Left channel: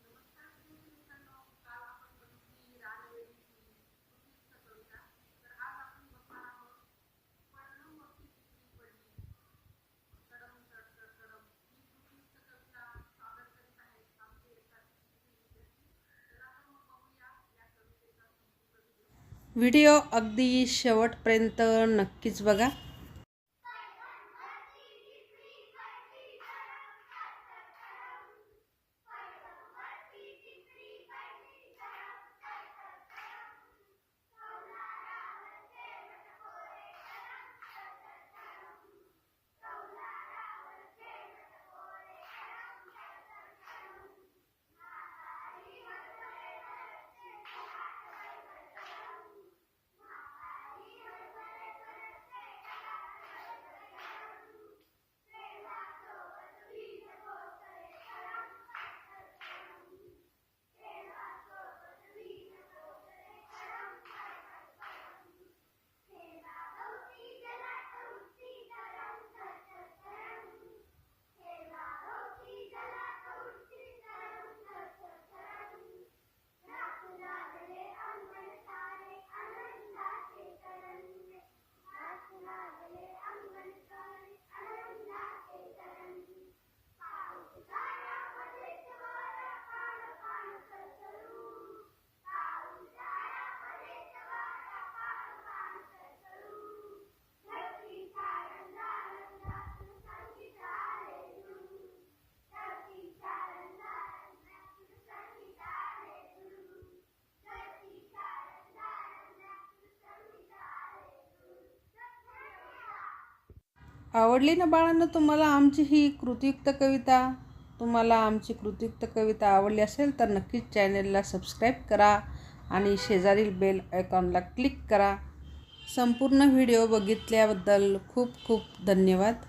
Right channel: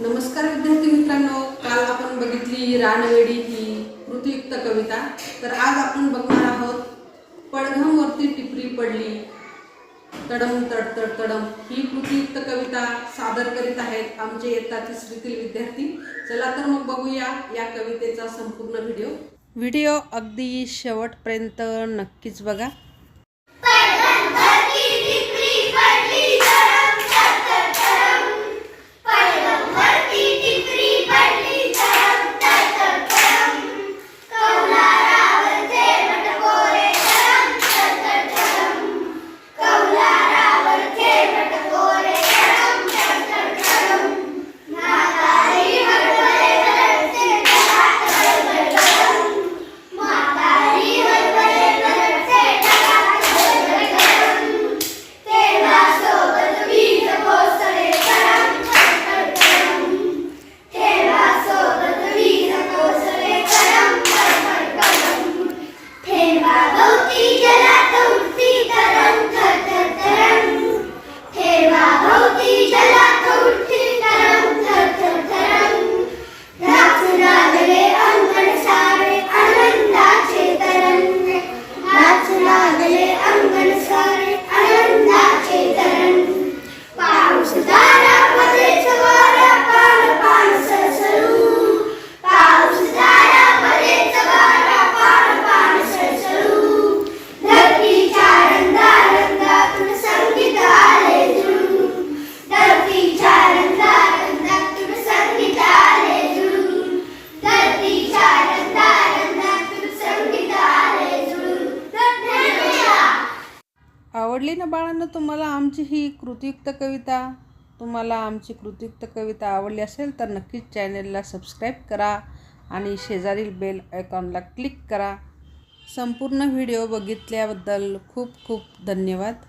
नमस्कार विद्यार्थी मित्रांनो काल आपण बघितली रानवेडी ही कृतीयुक्त कविता. तर आज आपण बघणार आहोत पडघमवरती टिपरी पडली. तडम तड तड तडम. ही कृतीयुक्त कविता सादर करीत आहेत आमचे इयत्ता तिसरीतील विद्यार्थी. चला तर मग बघूया या कवितेचा संपूर्ण व्हिडिओ. व्हिडिओ अगदी शेवटपर्यंत नक्कीच बघा. आवडली ना बाळांना? तुम्हाला आमची ही कृतियुक्त कविता तुम्हाला आमची कृतियुक्त कविता आवडली असेल तर नक्कीच चॅनेलला सबस्क्राईब करा आणि शेजारील बेल आयकॉनला क्लिक करा. संपूर्ण व्हिडिओ बघितल्याबद्दल खूप खूप धन्यवाद.